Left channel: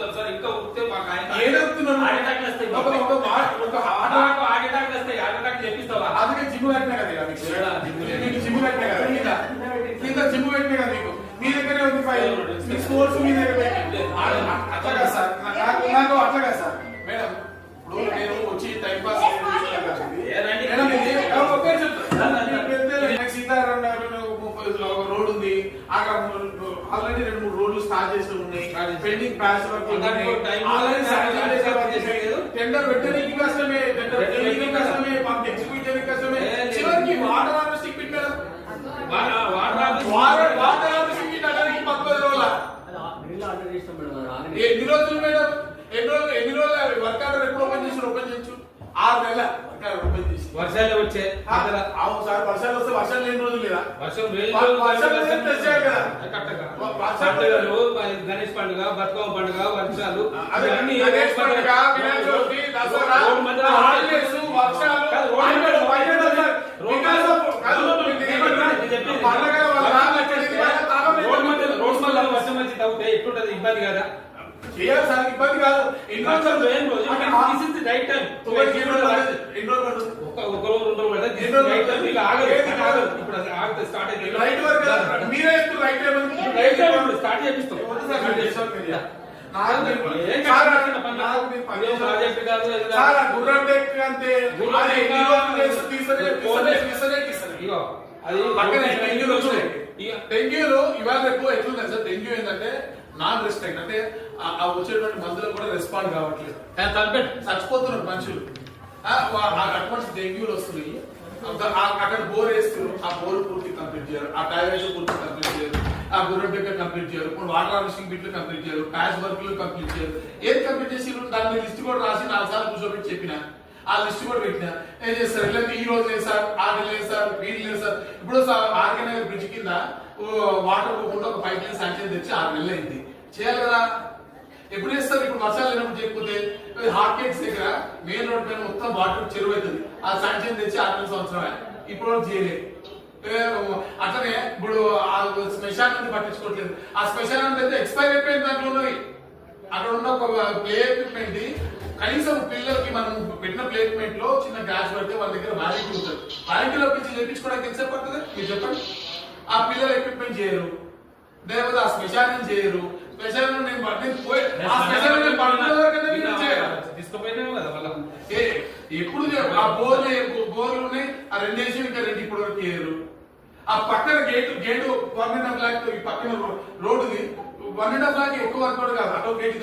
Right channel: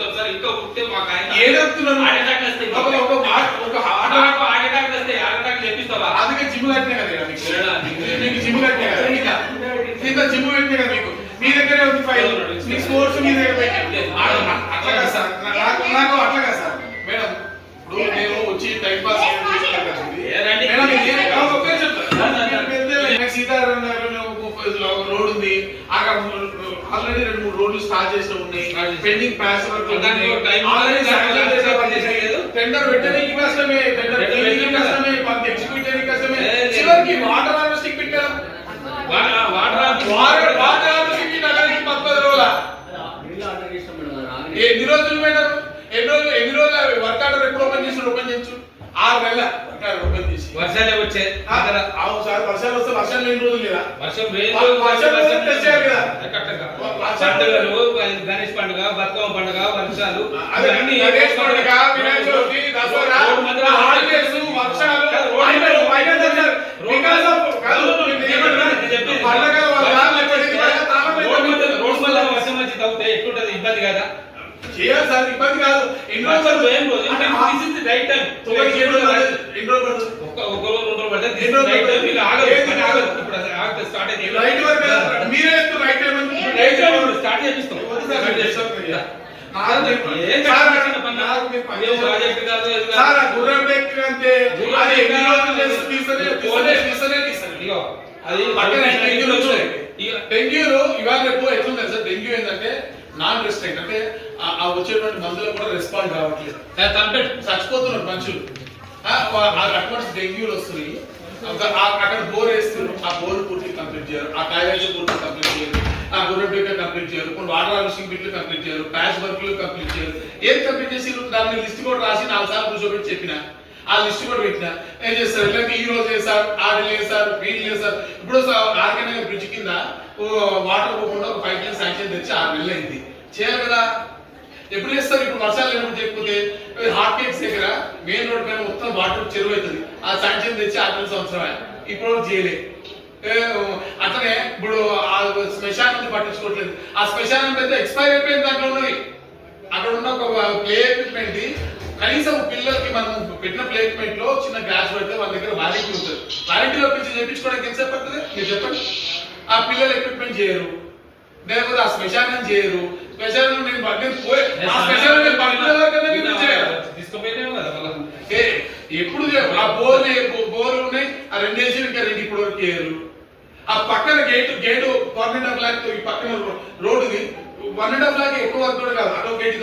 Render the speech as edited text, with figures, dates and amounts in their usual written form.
చెప్తాను సార్. ఇంకా ఉంటే మాకు ఆయన ఏడుతున్నాను హార్ట్ అటాక్ వస్తాయి. హార్ట్ అటాక్ వస్తాయి. హార్ట్ అటాక్ తెప్పిస్తావా? అందుకే జిమ్ కట్టినా కదా మీకు జిమ్ కట్టినా కదా కింద జిమ్ పెట్టినా కదా మీకు మీ దగ్గరే ఉంది ఫైల్ మీ స్పోర్ట్స్ మీ దగ్గర పెట్టి అట్లా కదా సార్ నాకు అట్లా కదా సార్ మేడం ఇప్పుడు నేను వచ్చి టైం పాస్ సీతారాం రోడ్ ఉంది అక్కడ ఆల్రెడీ 2-3 రోడ్లు స్టార్ట్ చేసి ఉన్నాయి పెండింగ్ ప్యాచ్ వర్క్ టెండర్ పెట్టడానికి కష్టమే టెండర్ కష్టమే ఎగ్జిక్యూట్ చేయడానికి కష్టమే చివరికి వాటర్ హార్వెస్టింగ్ పెట్టారు వాటర్ హార్వెస్టింగ్ పెట్టడానికి 10 రోజుల ఎన్ని రోజులు పెట్టారు ఎన్ని రోజులు వర్క్ ఆర్డర్ ఎప్పుడు ఓపెన్ చేయొచ్చు 6 నెలల ఓపెన్ చేసి వర్షాలే వచ్చే అవును సార్ వర్షాలు వస్తే వర్షాలు లేని రోజులు లేదా వర్షం పండుగలు గణేష్ పండుగ బతుకమ్మ పండుగ వర్షాలు గణేష్ పండుగ వినాయక చవితి దసరా హాలిడేస్ వర్షాలు రోడ్ మళ్ళీ వర్షం వచ్చి తగ్గితే ఎట్లుంటది ఇబ్బంది కదా చేయాలి సార్ ఇబ్బంది కాదు ఎన్ని రోజులు రైట్ టైం ఒక రోజు 2 రోజులు పడుతుంది ఇలా ఆగదు ఇప్పుడు ఆగితే స్టార్ట్ అయింది రైట్ వర్క్ మీరే రైట్ టైం స్టార్ట్ చేపిస్తాం డెంగ్యూలు ఇవాళ రేపు ఎట్లుంది సార్ డెంగ్యూ ఏంటంటే నాన్ రెస్ట్రిక్ట్ అంటే ఆ వచ్చేటువంటి మందులకు కూడా రెస్పాండ్ కావట్లేదు చచ్చిపోతున్నారు మనుషులు అటువంటి డెంగ్యూలు వస్తున్నాయి అక్కడ బోర్ వేస్తున్నారు ఆ బోర్ పూర్తి కంప్లీట్ చేయరు ఆ టాయిలెట్స్ పూర్తి కంప్లీట్ చేయరు ఆ గుర్రె కంప్లీట్ చేయరు కొన్ని వాటర్ హార్వెస్టింగ్ బిట్లు కంప్లీట్ చేయరు ప్యాచ్ వర్క్లు కంప్లీట్ చేయరు ఏది కంప్లీట్ చేసి దాన్ని లిస్ట్ కూడా రాసి 4 సార్లు కూర్చోబెట్టి చెప్పిన ఆ లిస్ట్ కూడా పెట్టినా ఏం చేస్తారు ఇలాంటి ఈ రోజు వేసారు 6 నెలలు వేసారు 3 నెలలు వేసారు ఇప్పుడు ఆర్గనైజ్ బ్రిడ్జ్ కింద వాటర్ పోకుండా ఒక 5 నెలలు శాంక్షన్ తెచ్చి 6 నెలలు అయింది చేయాలి కదా ఎప్పుడు వేస్తారు ఇప్పుడు వర్షాలు లేనప్పుడు చేయకపోతే హాట్ కేక్స్ దగ్గర మెయిన్ రోడ్ పైన మొత్తం వాటర్ చెరువు అవుతుంది ఆ శాంక్షన్ తెచ్చి 6 సంవత్సరమే ఇప్పుడు చేయలే అట్లనే ఇప్పుడు ఆ శ్మశానం పట్టించుకోవట్లేదు ఆ శ్మశానం పెద్ద ఎక్స్పైర్ అయిపోయింది దాంట్లో ఉన్నది అక్కడ ఉన్న ఒక ప్లే ఎక్విప్మెంట్ కనీసం పిల్లలకి మనం పెట్టిన ప్లే ఎక్విప్మెంట్ లో చిన్న గ్యాస్ పడితే వాళ్ళ దగ్గర వారంటీ ఉంటుంది వారంటీలో పిలిచి చేయించుకోవడానికి ఎంతసేపు పడుతుంది మీరు చెప్పండి ఆ పిల్లల ఎక్విప్మెంట్ చేయరు లేకపోతే ఆ శ్మశానం చేయరు శ్మశానం నేను పోయి ఆ శ్మశానం ఎప్పుడు ఆ బోర్లు ఉన్నాయి ఆ 2 వేసి ఇంకా 2 ఇప్పుడు వరకు చేయరు ఆ పక్కన గేటు 1.5 లాక్ ఈ పక్కన రోడ్డుది 1.5 లాక్ ఎక్కువ వరకు కాదు అటో గేట్